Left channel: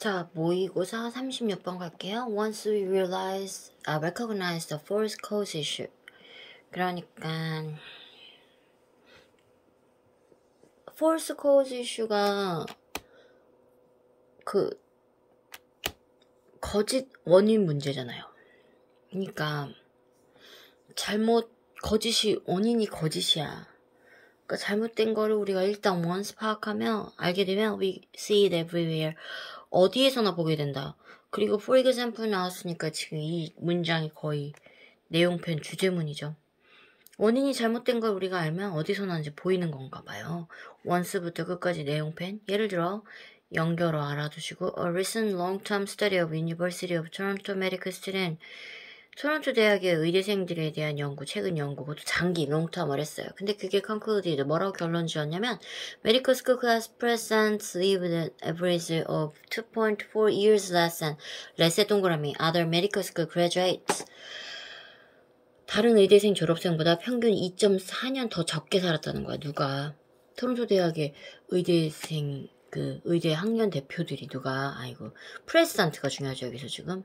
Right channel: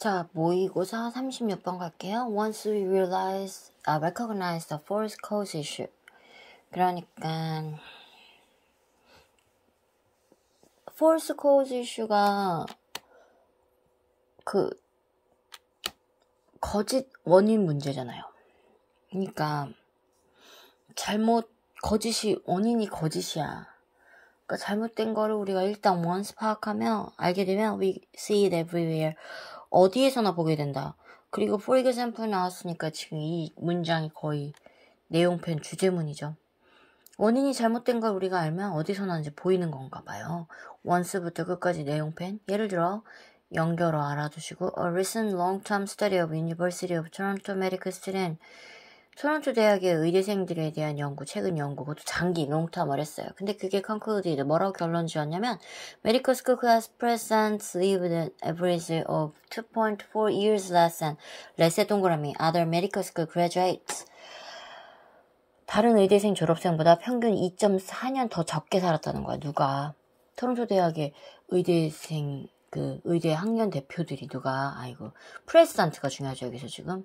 자, 모의고사 36번 갈게요. Once we recognize the false cause issue. 그러니까 false cause issue가 그 거짓 원인 문제잖아요. 그러니까 원인이 거짓이야. 그러니까 잘못된 거를 우리가 일단 once 파악하면 알게 되면 we see it everywhere. 어디에서나 보게 된다. 그리고 for example 나왔으니까 지금 이 문장이 거의 내용편 주제문이죠. 원인이 잘못된 걸 우리가 알면 어디서나 이제 보이는 건가 봐요. once부터 끝까지 내용편. 예를 들어 연결어 알아두시고 A recent long-term study of University of Toronto medical student. 토론토 대학의 의대생들에 대한 연구, 최근 연구, 그것도 장기, 롱텀을 했어요. 근데 그게 concluded, 뭐라고 결론 지었냐면 Medical school class presents lived an average of 2.4 years less than less의 동그라미, other medical school graduates. 다른 의대생 졸업생보다 평균 2.4년 더 적게 살았다는 거야, 누가. 토론토 대학의 의대생, 의대 학년 대표들이 누가, 프레시던트가 중요하죠, 여기서 지금.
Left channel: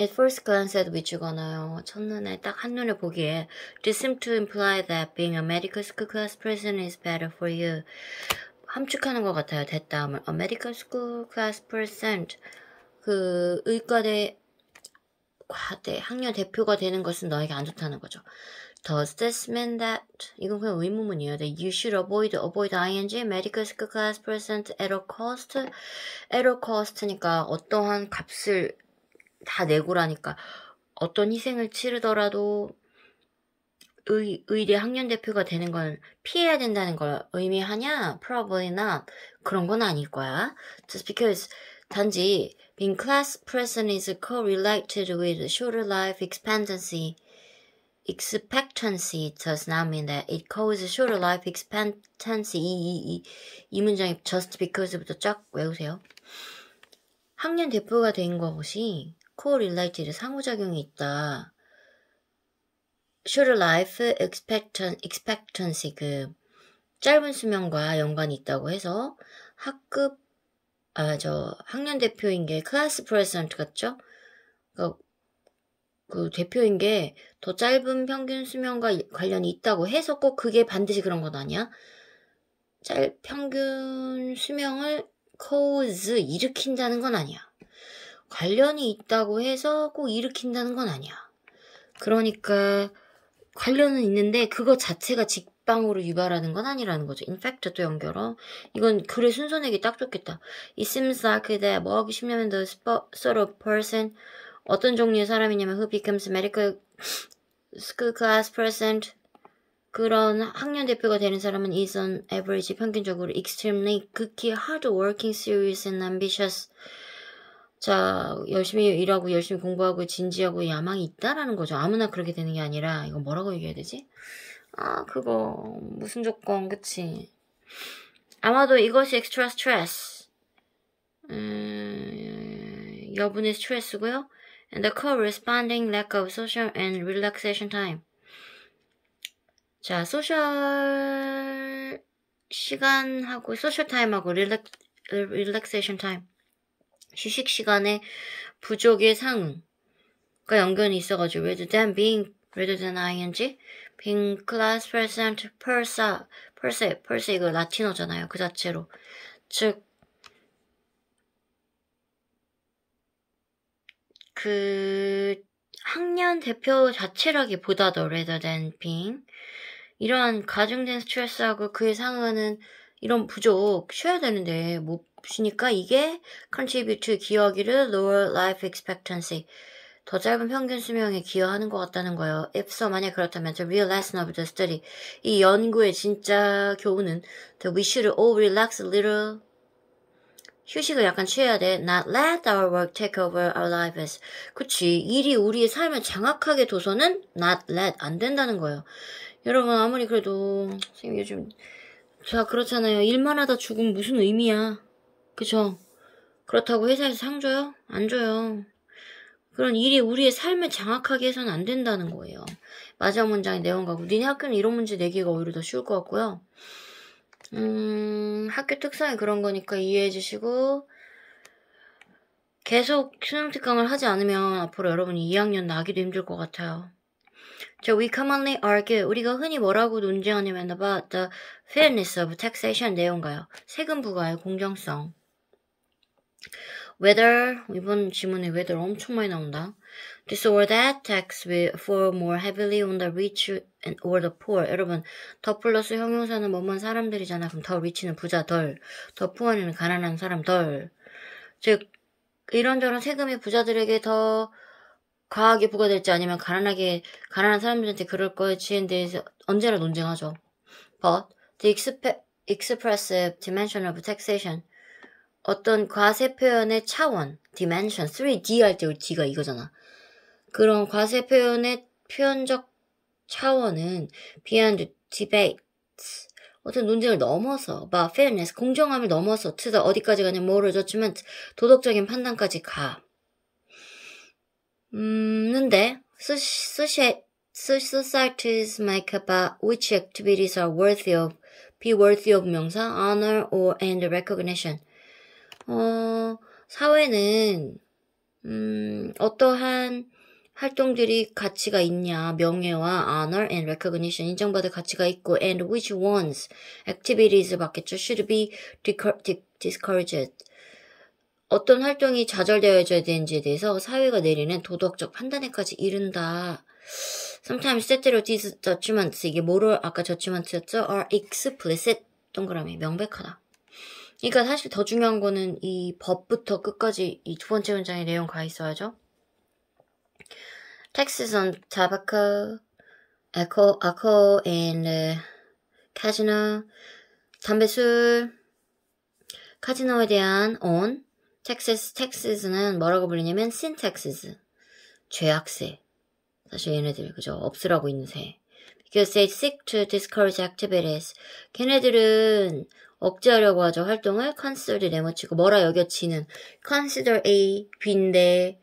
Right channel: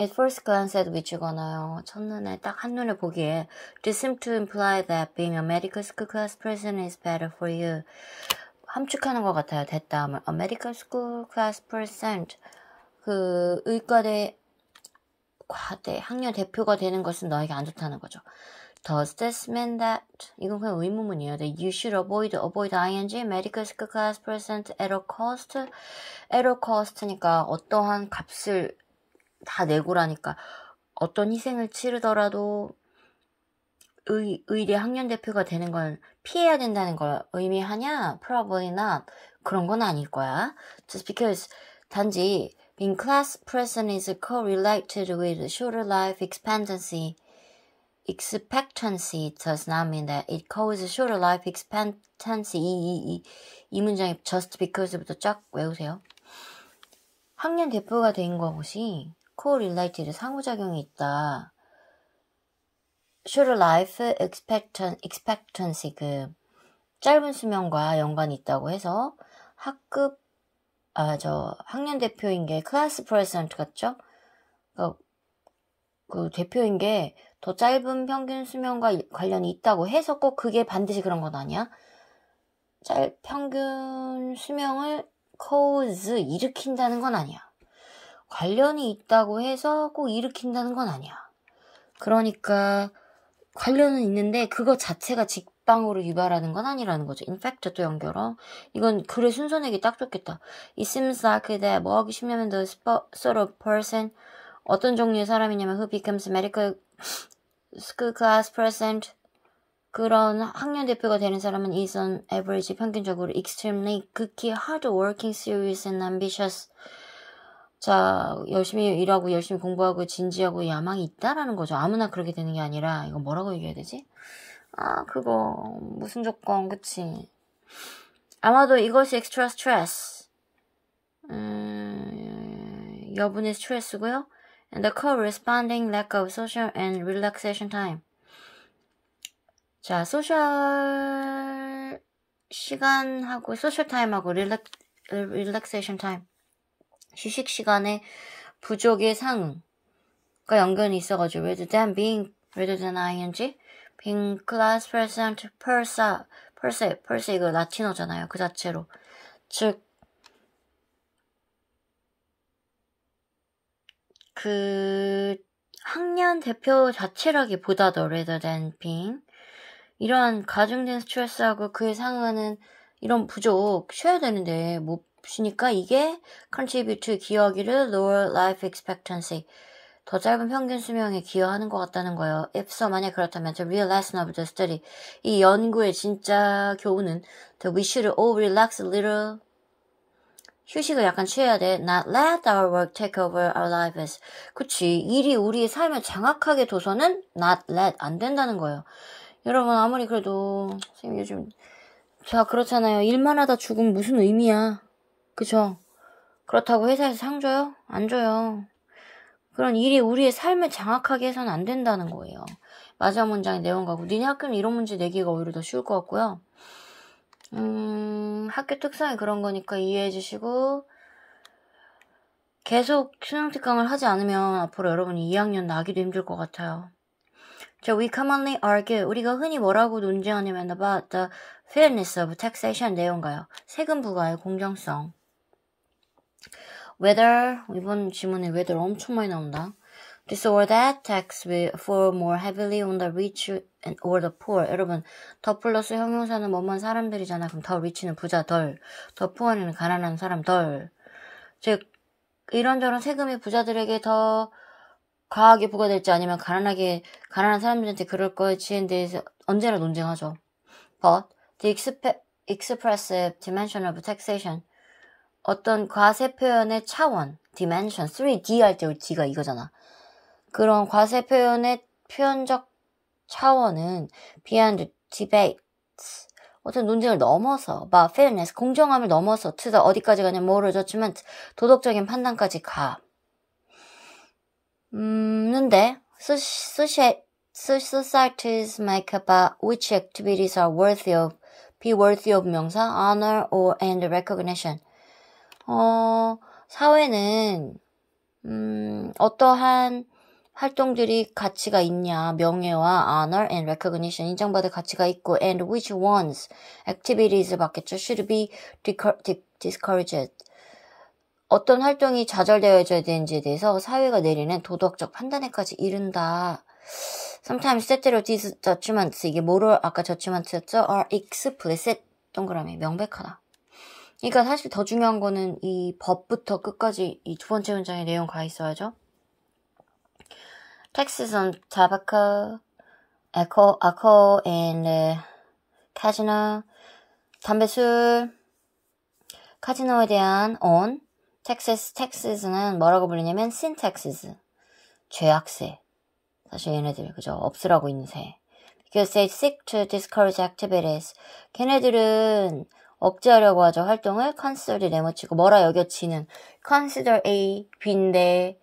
At first glance at which거나요. 첫눈에 딱 한눈에 보기에 This seems to imply that being a medical school class person is better for you. 함축하는 것 같아요. 대다음을 A medical school class person 의과대 과대 학년 대표가 되는 것은 너에게 안 좋다는 거죠. Does this mean that 이건 그냥 의문문이에요. That you should avoid ing medical school class person at all cost. At all cost니까 어떠한 값을 다 내고라니까 어떤 희생을 치르더라도 의대 학년 대표가 되는 건 피해야 된다는 걸 의미하냐? Probably not. 그런 건 아닐 거야. Just because 단지 being class person is correlated with shorter life expectancy does not mean that it causes shorter life expectancy. 이 문장이 just because부터 쫙 외우세요. 학년 대표가 된 것이 correlated 상호작용이 있다. Shorter life expectancy 짧은 수명과 연관이 있다고 해서 학년 대표인 게 class president 같죠? 그 대표인 게 더 짧은 평균 수명과 관련이 있다고 해서 꼭 그게 반드시 그런 건 아니야. 평균 수명을 cause 일으킨다는 건 아니야. 관련이 있다고 해서 꼭 일으킨다는 건 아니야. 그러니까 관련은 있는데 그거 자체가 직방으로 유발하는 건 아니라는 거죠. In fact 또 연결어. 이건 글의 순서 내기 딱 좋겠다. It seems like that 뭐 하기 쉽냐면 the sort of person 어떤 종류의 사람이냐면 who becomes medical school class president 그런 학년 대표가 되는 사람은 is on average 평균적으로 extremely 극히 hard working, serious and ambitious. 자, 열심히 일하고 열심히 공부하고 진지하고 야망이 있다라는 거죠. 아무나 그렇게 되는 게 아니라 이거 뭐라고 얘기해야 되지? 그거 무슨 조건 그치? 아마도 이것이 extra stress 여분의 스트레스고요. And the corresponding lack of social and relaxation time. 자, 소셜 시간하고 소셜 타임하고 relaxation time. 휴식 시간에 부족의 상응과 연관이 있어가지고 rather than ing being class present per se 이거 라틴어잖아요. 그 자체로 즉 학년 대표 자체라기보다도 rather than being 이러한 가중된 스트레스하고 그에 상응하는 이런 부족 쉬어야 되는데 못 쉬니까 이게 contribute to 기여하기를 lower life expectancy 더 짧은 평균 수명에 기여하는 것 같다는 거예요. If so, 만약 그렇다면 the real lesson of the study 이 연구의 진짜 교훈은 that we should all relax a little 휴식을 약간 취해야 돼. Not let our work take over our lives. 그치. 일이 우리의 삶을 장악하게 둬서는 not let 안 된다는 거예요. 여러분 아무리 그래도 선생님 요즘 자 그렇잖아요. 일만 하다 죽으면 무슨 의미야. 그죠? 그렇다고 회사에서 상 줘요? 안 줘요. 그런 일이 우리의 삶을 장악하게 해서는 안 된다는 거예요. 마지막 문장의 내용 가고 니네 학교는 이런 문제 내기가 오히려 더 쉬울 것 같고요. 학교 특성이 그런 거니까 이해해 주시고 계속 수능 특강을 하지 않으면 앞으로 여러분이 2학년 나기도 힘들 것 같아요. 자, we commonly argue. 우리가 흔히 뭐라고 논쟁하냐면 about the fairness of taxation 내용가요. 세금 부과의 공정성. Whether, 이번 지문에 whether 엄청 많이 나온다. This or that tax will fall more heavily on the rich or the poor. 여러분, 더 플러스 형용사는 뭐만 사람들이잖아. 그럼 더 rich는 부자 덜, 더 poor는 가난한 사람 덜. 즉, 이런저런 세금이 부자들에게 더 과하게 부과될지 아니면 가난한 사람들한테 그럴 거지에 대해서 언제나 논쟁하죠. But the expressive dimension of taxation, 어떤 과세 표현의 차원, dimension, 3D 할 때 우리 D가 이거잖아. 그런 과세 표현의 표현적 차원은 beyond debates, 어떤 논쟁을 넘어서, about fairness, 공정함을 넘어서 to the 어디까지 가냐, moral judgment, 도덕적인 판단까지 가. 근데 societies make about which activities are be worthy of 명사, honor, or and recognition. 사회는 어떠한 활동들이 가치가 있냐, 명예와 honor and recognition, 인정받을 가치가 있고, and which ones, activities 받겠죠, should be discouraged. 어떤 활동이 좌절되어져야 되는지에 대해서 사회가 내리는 도덕적 판단에까지 이른다. Sometimes 때때로 these judgments, 이게 moral, 아까 judgments였죠? are explicit, 동그라미, 명백하다. 그러니까 사실 더 중요한 거는 이 법부터 끝까지 이 두 번째 문장의 내용 가 있어야죠. Taxes on tobacco, alcohol and casino, 담배, 술, 카지노에 대한 on, taxes는 뭐라고 불리냐면 sin taxes, 죄악세. 사실 얘네들 그죠? 없으라고 있는 새. Because they seek to discourage activities. 걔네들은 억제하려고 하죠. 활동을 consider 내모치고 뭐라 여겨치는 consider A, B인데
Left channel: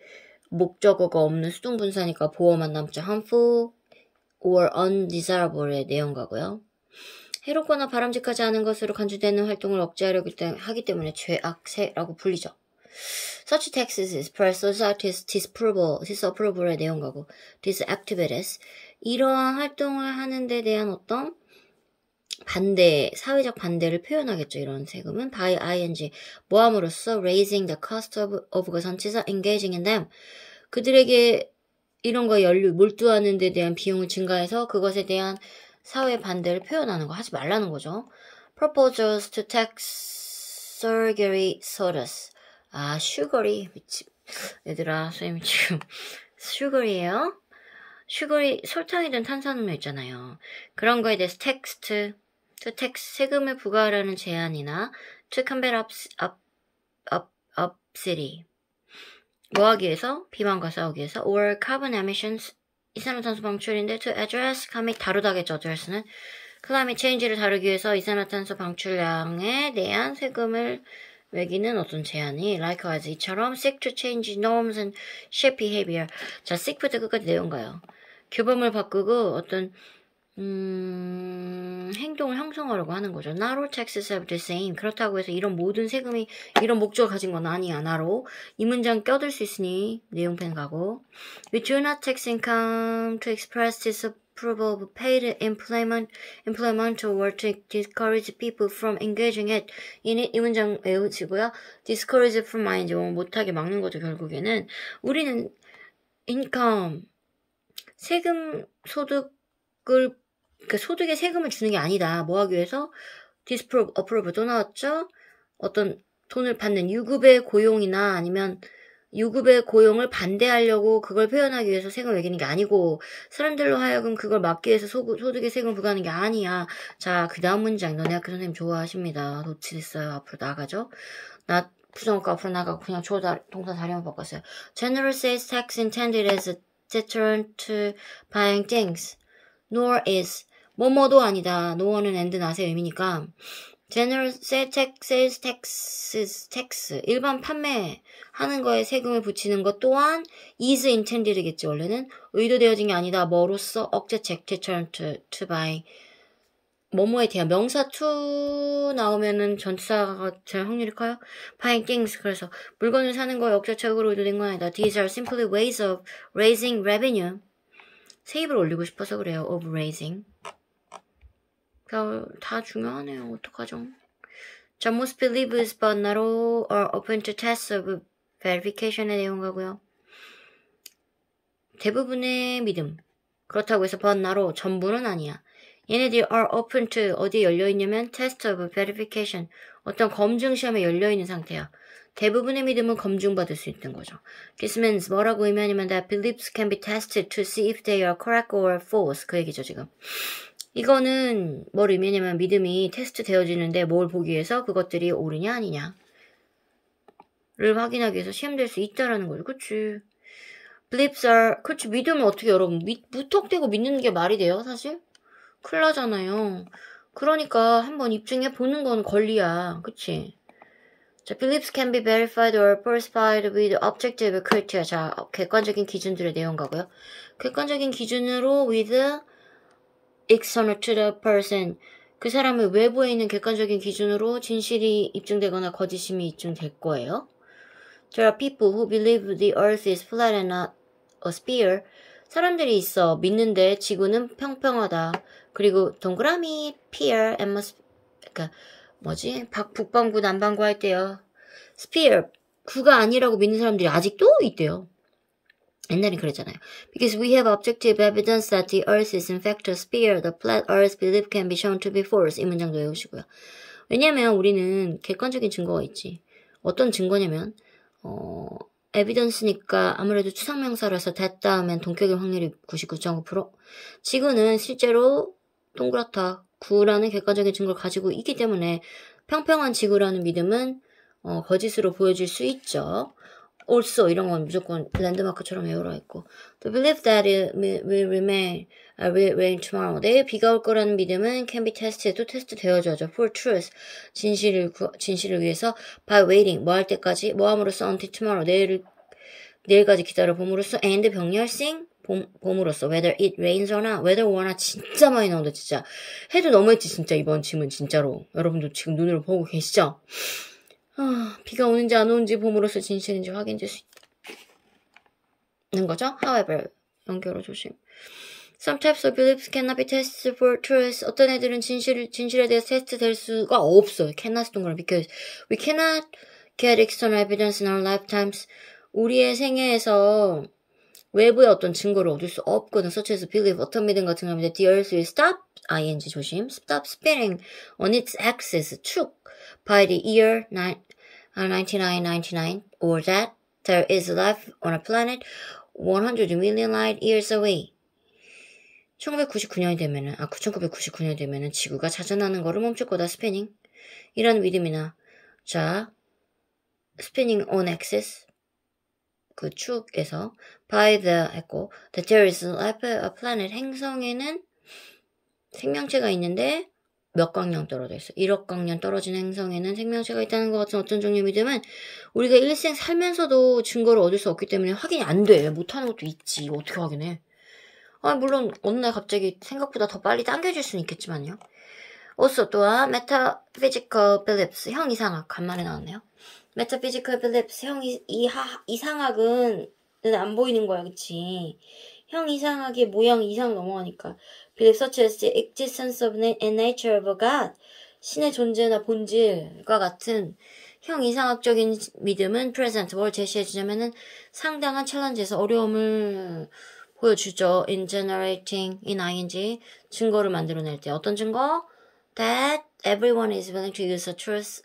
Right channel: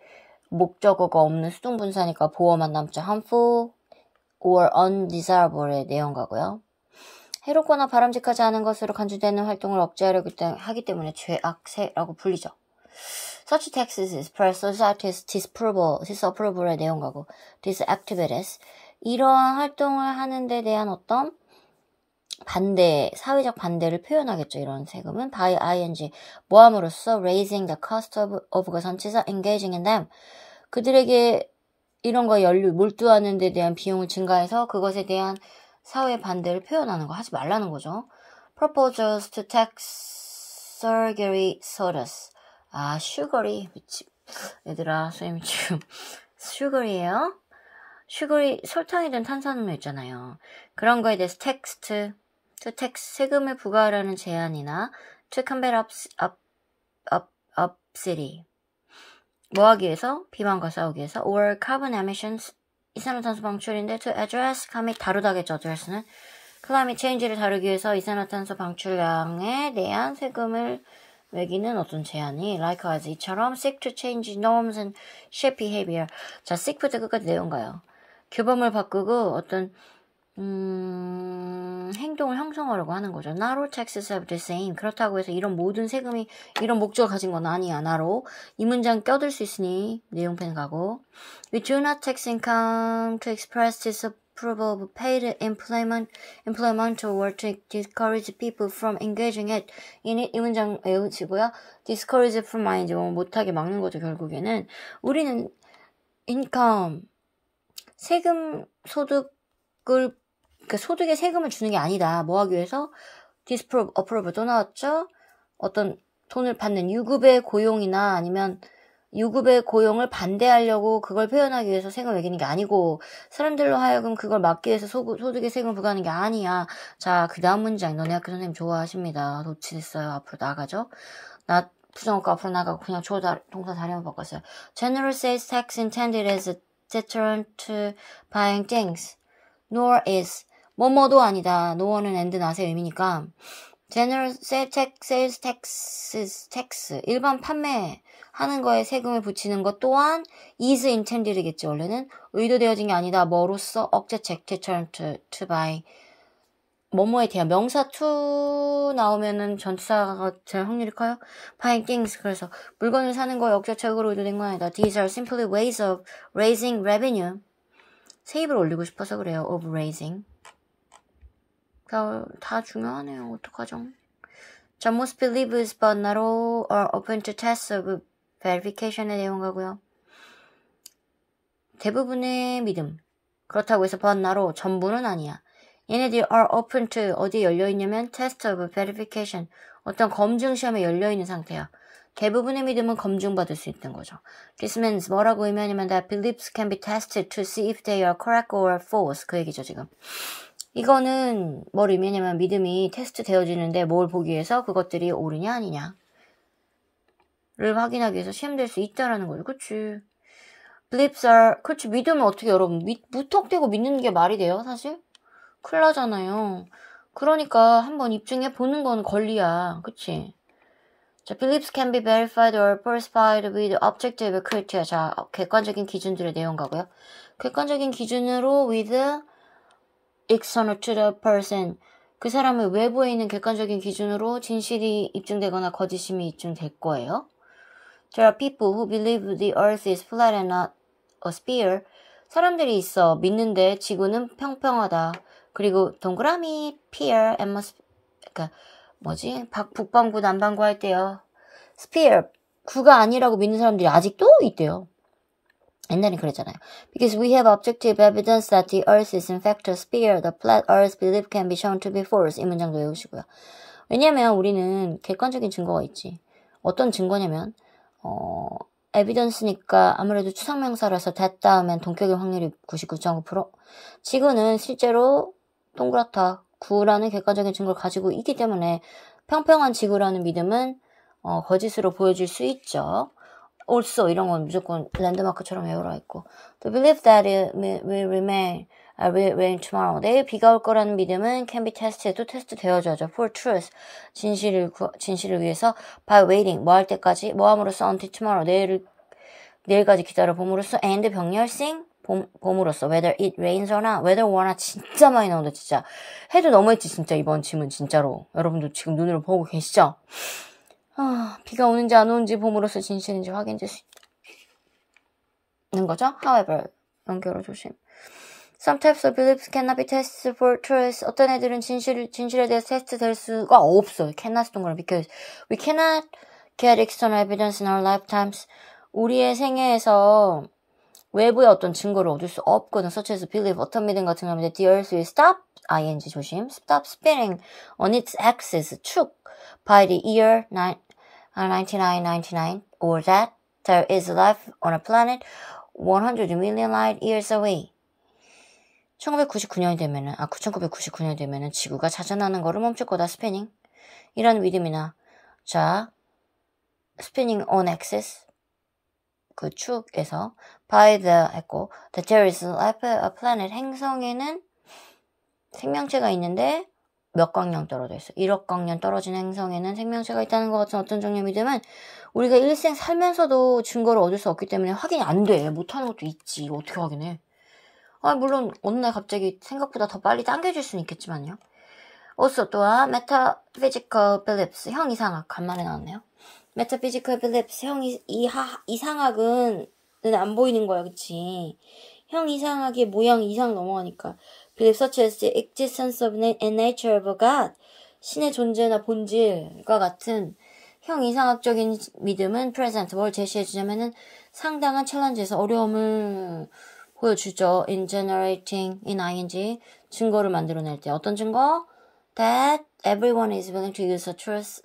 목적어가 없는 수동분사니까 보어만 남죠. harmful or undesirable의 내용가고요. 해롭거나 바람직하지 않은 것으로 간주되는 활동을 억제하려고 하기 때문에 죄악세라고 불리죠. Such taxes express society's disapproval의 내용가고 these activities, 이러한 활동을 하는 데 대한 어떤 반대, 사회적 반대를 표현하겠죠. 이런 세금은 by ing, 모함으로써 raising the cost of 그 전치사 engaging in them, 그들에게 이런 거 몰두하는 데 대한 비용을 증가해서 그것에 대한 사회 반대를 표현하는 거, 하지 말라는 거죠. Proposals to tax surgery sodas. 아, 슈거리. 얘들아, 선생님 지금 슈거리예요? 슈거리, 설탕이든 탄산음료 있잖아요. 그런 거에 대해서 to tax, 세금을 부과하라는 제안이나 to combat obesity, 뭐 하기 위해서? 비만과 싸우기 위해서. or carbon emissions, 이산화탄소 방출인데 to address, 및 다루다겠죠. address는 climate change를 다루기 위해서 이산화탄소 방출량에 대한 세금을 매기는 어떤 제안이 likewise, 이처럼 seek to change norms and shape behavior. 자, seek부터 끝까지 내용가요. 규범을 바꾸고 어떤 행동을 형성하려고 하는 거죠. Not all taxes have the same. 그렇다고 해서 이런 모든 세금이 이런 목적을 가진 건 아니야. 나로 이 문장 껴들 수 있으니 내용펜 가고. We do not tax income to express disapproval of paid employment or to discourage people from engaging in it. 이 문장 외우시고요. discourage from 아니지, 못하게 막는 거죠. 결국에는 우리는 income, 세금, 소득을, 그 소득에 세금을 주는 게 아니다. 뭐 하기 위해서? disapprove 또 나왔죠? 어떤 돈을 받는 유급의 고용이나 아니면 유급의 고용을 반대하려고 그걸 표현하기 위해서 세금을 매기는 게 아니고, 사람들로 하여금 그걸 막기 위해서 소득에 세금을 부과하는 게 아니야. 자, 그 다음 문장, 너네 학교 선생님 좋아하십니다. 놓치겠어요. 앞으로 나가죠? 나 부정어가 앞으로 나가고 그냥 주어 동사 자료만 바꿨어요. General sales tax intended as a deterrent to buying things. Nor is, 뭐뭐도 아니다. no는 and not의 의미니까 general sales tax, 일반 판매하는 거에 세금을 붙이는 것 또한 is intended겠죠. 원래는 의도되어진 게 아니다. 뭐로써? 억제책, deterrent to buy, 뭐뭐에 대한 명사 to 나오면은 전치사가 될 확률이 커요. Buying things. 그래서 물건을 사는 거에 억자책으로 올린 건 아니다. These are simply ways of raising revenue. 세입을 올리고 싶어서 그래요. of raising. 다 중요하네요. 어떡하죠? 자, most believes but not all are open to tests of verification의 내용 가고요. 대부분의 믿음. 그렇다고 해서 but not all, 전부는 아니야. 얘네들이 are open to 어디에 열려있냐면 test of verification, 어떤 검증 시험에 열려있는 상태야. 대부분의 믿음은 검증받을 수 있는 거죠. This means 뭐라고 의미하냐면 that beliefs can be tested to see if they are correct or false. 그 얘기죠 지금. 이거는 뭘 의미하냐면 믿음이 테스트 되어지는데 뭘 보기 위해서 그것들이 옳으냐 아니냐를 확인하기 위해서 시험될 수 있다라는 거죠. 그치? Beliefs are, 그치, 믿음을 어떻게 여러분 무턱대고 믿는 게 말이 돼요 사실? 큰일 나잖아요. 그러니까 한번 입증해 보는 건 권리야. 그치? 자, beliefs can be verified or falsified with objective criteria. 자, 객관적인 기준들의 내용 가고요. 객관적인 기준으로 with external to the person. 그 사람의 외부에 있는 객관적인 기준으로 진실이 입증되거나 거짓임이 입증될 거예요. There are people who believe the earth is flat and not a sphere. 사람들이 있어. 믿는데 지구는 평평하다. 그리고 동그라미, pear, 그러니까 뭐지? 북반구, 남반구 할 때요. sphere, 구가 아니라고 믿는 사람들이 아직도 있대요. 옛날엔 그랬잖아요. Because we have objective evidence that the earth is in fact a sphere, the flat earth belief can be shown to be false. 이 문장도 외우시고요. 왜냐면 우리는 객관적인 증거가 있지. 어떤 증거냐면 evidence니까 아무래도 추상명사라서 that 다음엔 동격일 확률이 99.9%. 지구는 실제로 동그랗다. 9라는 객관적인 증거를 가지고 있기 때문에 평평한 지구라는 믿음은 거짓으로 보여질 수 있죠. also 이런 건 무조건 랜드마크처럼 외우라 했고 The belief that it will rain tomorrow. 내일 비가 올 거라는 믿음은 can be tested. 또 테스트 되어져죠. For truth. 진실을 위해서 by waiting. 뭐 할 때까지? 뭐 함으로써 until tomorrow. 내일까지 기다려 봄으로써 and 병렬생 봄으로써 whether it rains or not. whether or not 진짜 많이 나온다 진짜. 해도 너무했지 진짜 이번 질문 진짜로. 여러분도 지금 눈으로 보고 계시죠? 비가 오는지 안 오는지 봄으로써 진실인지 확인될 수 있는 거죠. However, 연결어 조심. Some types of beliefs cannot be tested for truth. 어떤 애들은 진실에 대해서 테스트 될 수가 없어요. cannot 동그란 because we cannot get external evidence in our lifetimes. 우리의 생애에서 외부의 어떤 증거를 얻을 수 없거든. such as belief, 어떤 믿음 같은 겁니다. The earth will stop, ing 조심, stop spinning on its axis, 축, by the year 9999, or that there is life on a planet 100 million light years away. 1999년이 되면은 지구가 자전하는 거를 멈출 거다. 스피닝 이라는 믿음이나 자 spinning on axis 그 축에서 by the 했고 that there is life on a planet 행성에는 생명체가 있는데 몇 광년 떨어져 있어. 1억 광년 떨어진 행성에는 생명체가 있다는 것 같은 어떤 종류의 믿음은 우리가 일생 살면서도 증거를 얻을 수 없기 때문에 확인이 안 돼. 못하는 것도 있지. 어떻게 확인해? 물론 어느 날 갑자기 생각보다 더 빨리 당겨질 수는 있겠지만요. also 또한 metaphysical beliefs 형 이상학 간만에 나왔네요. metaphysical beliefs 형 이상학은 안 보이는 거야, 그치? 형 이상학의 모양 이상 넘어가니까 beliefs such as the existence of and nature of God 신의 존재나 본질과 같은 형 이상학적인 믿음은 present 뭘 제시해주자면은 상당한 챌린지에서 어려움을 보여주죠. in generating in ing 증거를 만들어낼 때 어떤 증거? that everyone is willing to use a truth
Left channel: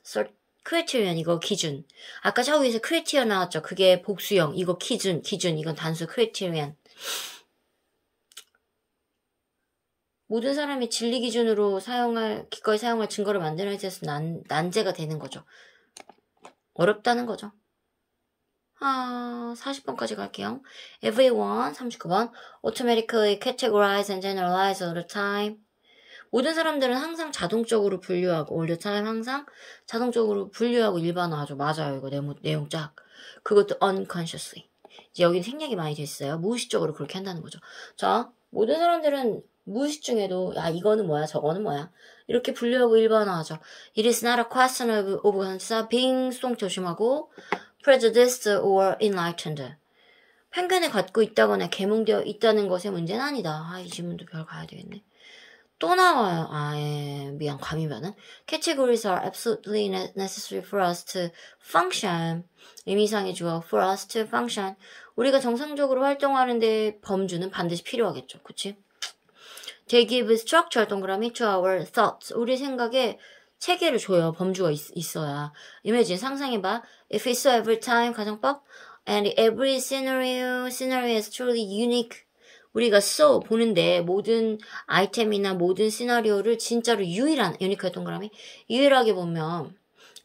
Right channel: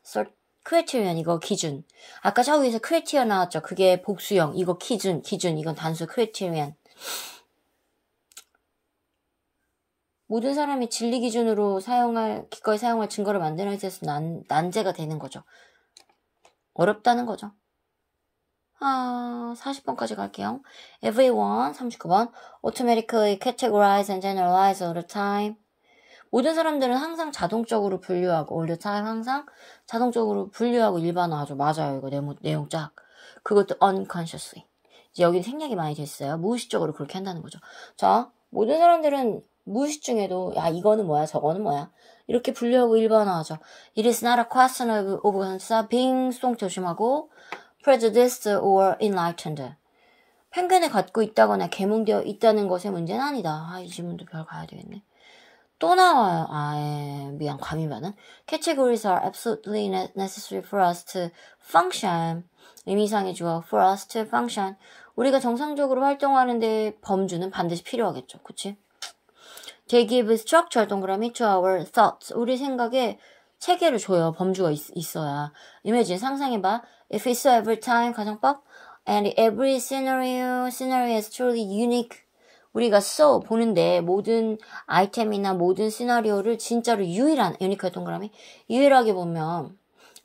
criterion 이거 기준. 아까 저 위에서 criterion 나왔죠. 그게 복수형. 이거 기준 이건 단수 criterion. 모든 사람이 진리 기준으로 기꺼이 사용할 증거를 만들어낼 때 난제가 되는 거죠. 어렵다는 거죠. 40번까지 갈게요. Everyone, 39번. Automatically categorize and generalize all the time. 모든 사람들은 항상 자동적으로 분류하고 all the time 항상 자동적으로 분류하고 일반화하죠. 맞아요. 이거 내용 쫙. 그것도 unconsciously. 이제 여기 생략이 많이 됐어요. 무의식적으로 그렇게 한다는 거죠. 자, 모든 사람들은 무의식 중에도 야 이거는 뭐야 저거는 뭐야 이렇게 분류하고 일반화하죠. It is not a question of 빙송 조심하고 prejudiced or enlightened. 편견을 갖고 있다거나 계몽되어 있다는 것의 문제는 아니다. 이 질문도 별 가야 되겠네. 또 나와요. 미안, 과미반은. Categories are absolutely necessary for us to function. 의미상의 주어 for us to function. 우리가 정상적으로 활동하는데 범주는 반드시 필요하겠죠. 그치? They give structure, 동그라미, to our thoughts. 우리 생각에 체계를 줘요. 범주가 있어야. Imagine, 상상해봐. If it's so every time, 가정법. And every scenario is truly unique. 우리가 so 보는데 모든 아이템이나 모든 시나리오를 진짜로 유일한, 유니크한 동그라미, 유일하게 보면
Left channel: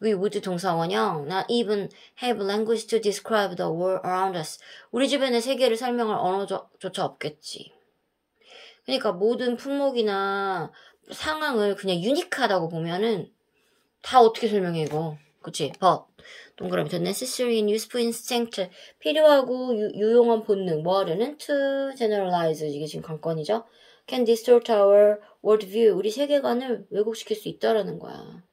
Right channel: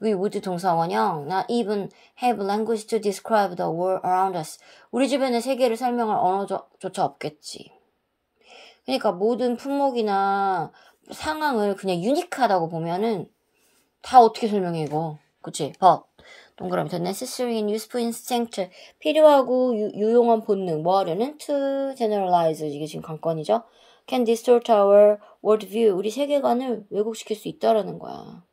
we would 동사원형 not even have language to describe the world around us. 우리 주변의 세계를 설명할 언어조차 없겠지. 그러니까 모든 품목이나 상황을 그냥 유니크하다고 보면은 다 어떻게 설명해 이거. 그치? But 동그라미 the necessary and useful instinct 필요하고 유용한 본능 뭐 하려는 to generalize 이게 지금 관건이죠. Can distort our worldview 우리 세계관을 왜곡시킬 수 있다라는 거야.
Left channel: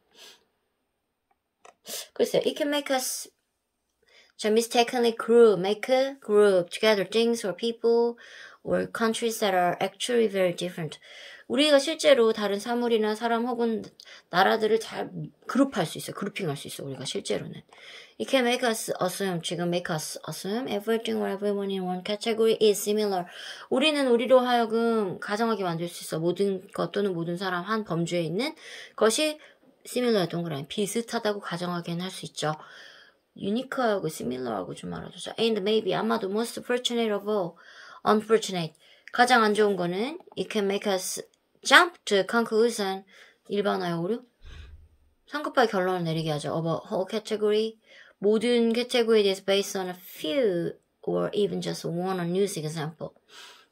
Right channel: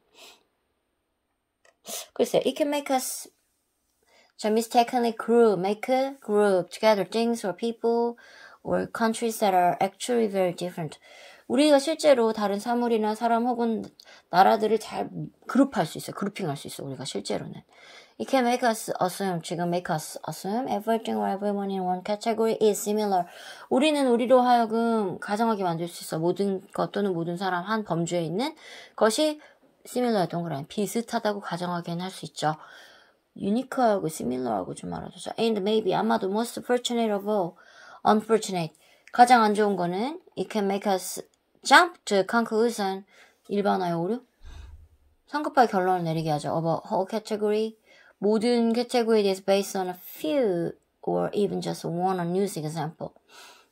글쎄, it can make us mistakenly group together things or people or countries that are actually very different. 우리가 실제로 다른 사물이나 사람 혹은 나라들을 잘 그룹할 수 있어. 그룹핑할 수 있어. 우리가 실제로는. It can make us assume, 지금 make us assume everything or everyone in one category is similar. 우리는 우리로 하여금 가정하게 만들 수 있어. 모든 것 또는 모든 사람 한 범주에 있는 것이 similar 동그라미 비슷하다고 가정하게는 할 수 있죠. unique하고 similar하고 좀 알아두자. And maybe 아마도 most fortunate of all, unfortunate. 가장 안 좋은 거는 it can make us jump to conclusion. 일반화의 오류. 성급하게 결론을 내리게 하죠. About whole category. 모든 캐테고리에 대해서 based on a few or even just one unused example.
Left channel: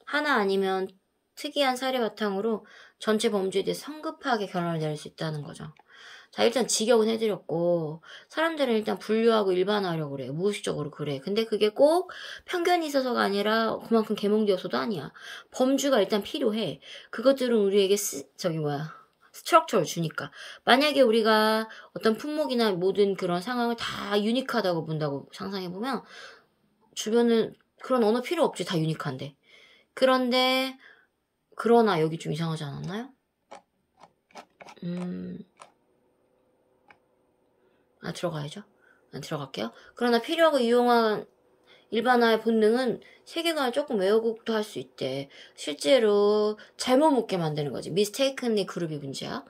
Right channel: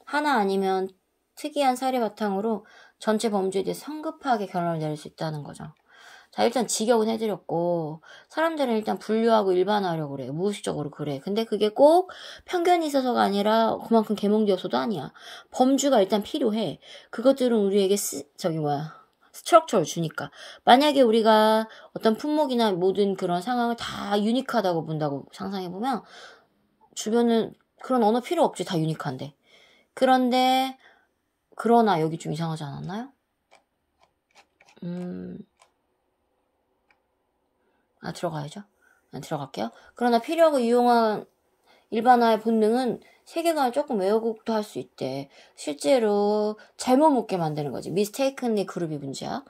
하나 아니면 특이한 사례 바탕으로 전체 범주에 대해 성급하게 결론을 내릴 수 있다는 거죠. 자, 일단 직역은 해드렸고 사람들은 일단 분류하고 일반화하려고 그래. 무의식적으로 그래. 근데 그게 꼭 편견이 있어서가 아니라 그만큼 계몽되어서도 아니야. 범주가 일단 필요해. 그것들은 우리에게 스트럭처를 주니까. 만약에 우리가 어떤 품목이나 모든 그런 상황을 다 유니크하다고 본다고 상상해보면 주변은 그런 언어 필요 없지. 다 유니크한데. 그러나 여기 좀 이상하지 않았나요? 들어가야죠. 들어갈게요. 그러나 필요하고 유용한 일반화의 본능은 세계관을 조금 왜곡도 할 수 있대. 실제로 잘못 묻게 만드는 거지. mistakenly 그룹이 문제야.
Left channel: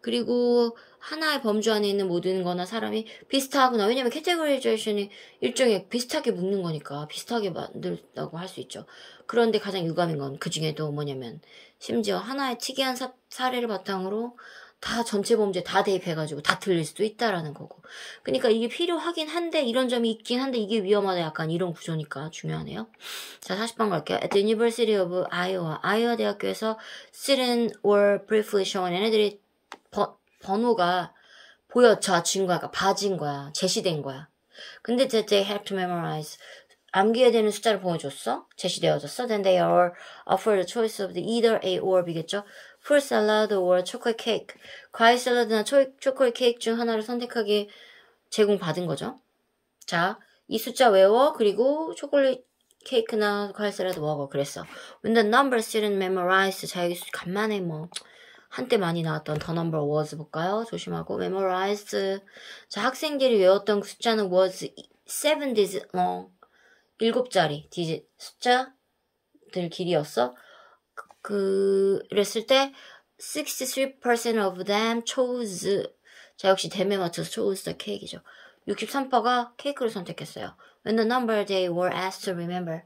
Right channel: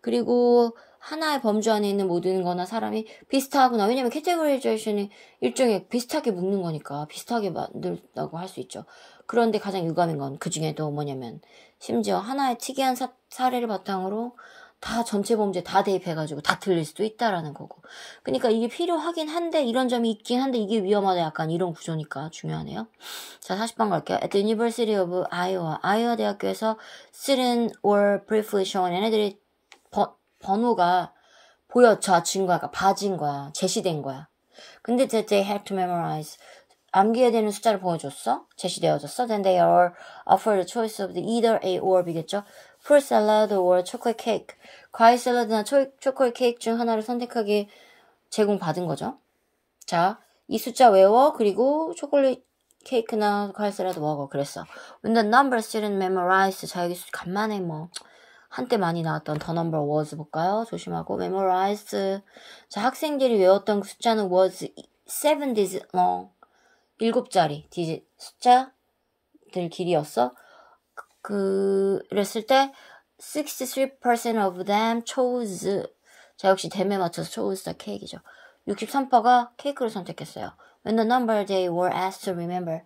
그리고 하나의 범주 안에 있는 모든 거나 사람이 비슷하구나. 왜냐면 캐테고리제이션이 일종의 비슷하게 묶는 거니까 비슷하게 만들다고 할 수 있죠. 그런데 가장 유감인 건 그 중에도 뭐냐면 심지어 하나의 특이한 사례를 바탕으로 다 전체 범죄 다 대입해가지고 다 틀릴 수도 있다라는 거고. 그러니까 이게 필요하긴 한데 이런 점이 있긴 한데 이게 위험하다 약간 이런 구조니까 중요하네요. 자, 40번 갈게요. At the University of Iowa. 아이오와 대학교에서 student were briefly shown. 얘네들이 번호가 보여진 거야. 그러니까 봐진 거야. 제시된 거야. 근데 they had to memorize. 암기해야 되는 숫자를 보여줬어. 제시되어졌어. Then they are offered a choice of either A or B겠죠. fruit salad or chocolate cake. 과일 샐러드나 초콜릿 케이크 중 하나를 선택하게 제공받은 거죠. 자, 이 숫자 외워. 그리고 초콜릿 케이크나 과일 샐러드 먹어. 그랬어. When the numbers didn't memorize. 자, 여기 간만에 한때 많이 나왔던 the number was 볼까요? 조심하고. memorized. 자, 학생들이 외웠던 그 숫자는 was 7 digit long. 7자리 디짓 숫자들 길이였어. 그랬을 때 63% of them chose. 자, 역시 댐에 맞춰서 chose the cake이죠. 63%가 케이크를 선택했어요. When the number they were asked to remember.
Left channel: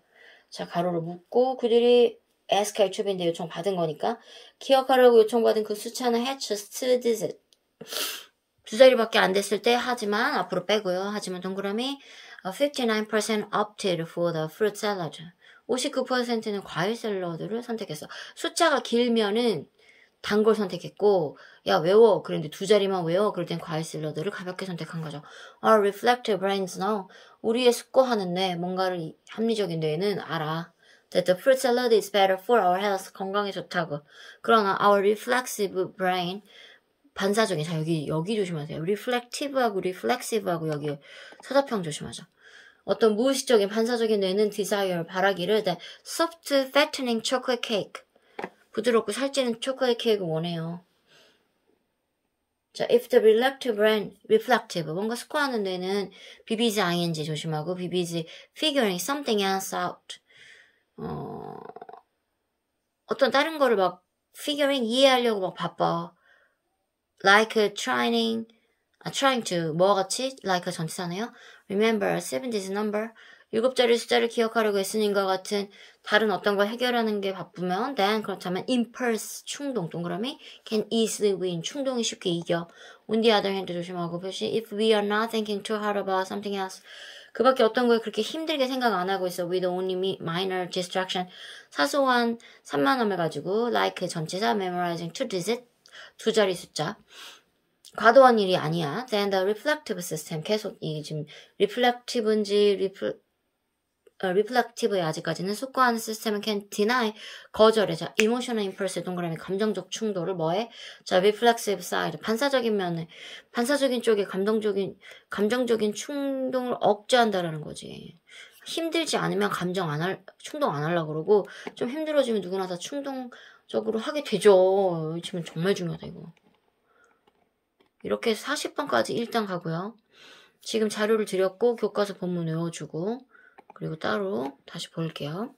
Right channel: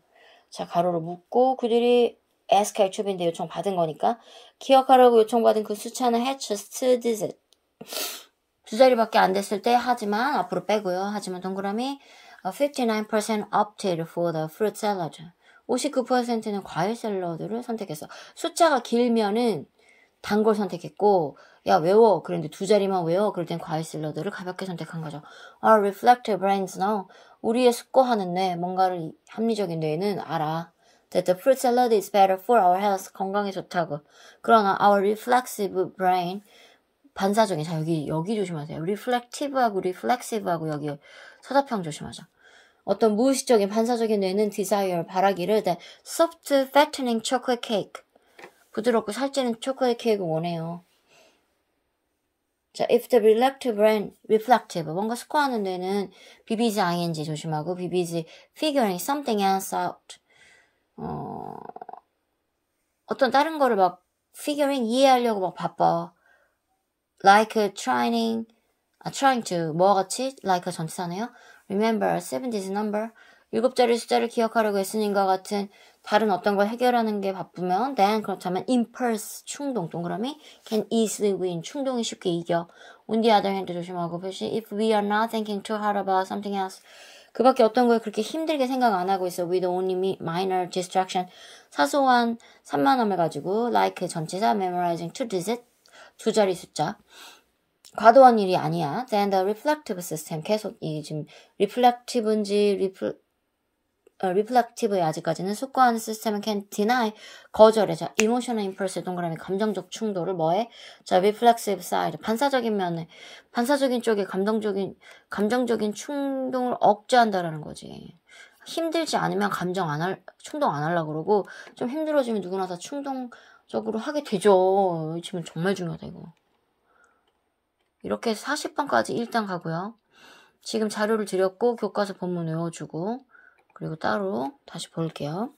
자, 가로로 묶고 그들이 ask HB인데 요청받은 거니까 기억하라고 요청받은 그 숫자는 had just 2 digit. 2자리밖에 안 됐을 때 하지만 앞으로 빼고요. 하지만 동그라미 59% opted for the fruit salad. 59%는 과일 샐러드를 선택했어. 숫자가 길면은 단 걸 선택했고, 야, 외워. 그런데 2자리만 외워. 그럴 땐 과일 샐러드를 가볍게 선택한 거죠. Our reflective brains know. 우리의 숙고하는 뇌, 뭔가를 합리적인 뇌는 알아. That the fruit salad is better for our health. 건강에 좋다고. 그러나 our reflexive brain, 반사적인. 자, 여기 조심하세요. reflective하고 reflexive하고 여기 서사평 조심하죠. 어떤 무의식적인 반사적인 뇌는 desire, 바라기를 the soft, fattening chocolate cake. 부드럽고 살찌는 초콜릿 케이크를 원해요. 자, if the reflective, 뭔가 스코어하는 뇌는 BBG ing 조심하고 BBG figuring something else out. 어떤 다른 거를 막 figuring 이해하려고 막 바빠. like trying to 뭐와 같이 like 전치사네요. remember 70's number 7자리 숫자를 기억하려고 애쓰는과 같은 다른 어떤 걸 해결하는 게 바쁘면 then 그렇다면 impulse 충동 동그라미 can easily win 충동이 쉽게 이겨. on the other hand 조심하고 표시 if we are not thinking too hard about something else 그 밖에 어떤 거에 그렇게 힘들게 생각 안 하고 있어 with only minor distraction 사소한 산만함을 가지고 like 전치사 memorizing 2 digit 2자리 숫자 과도한 일이 아니야. Then the reflective system 계속 이 지금 reflectiv인지 reflective의 아직까지는 속과하는 시스템은 can deny 거절해. 자, emotional impulse 동그라미 감정적 충돌을 뭐해? 자, reflexive side 반사적인 면에 반사적인 쪽에 감정적인 충동을 억제한다라는 거지. 힘들지 않으면 충동 안 하려고 그러고 좀 힘들어지면 누구나 다 충동적으로 하게 되죠. 지금 정말 중요하다 이거. 이렇게 해서 40번까지 일단 가고요. 지금 자료를 드렸고 교과서 본문 외워주고 그리고 따로 다시 볼게요.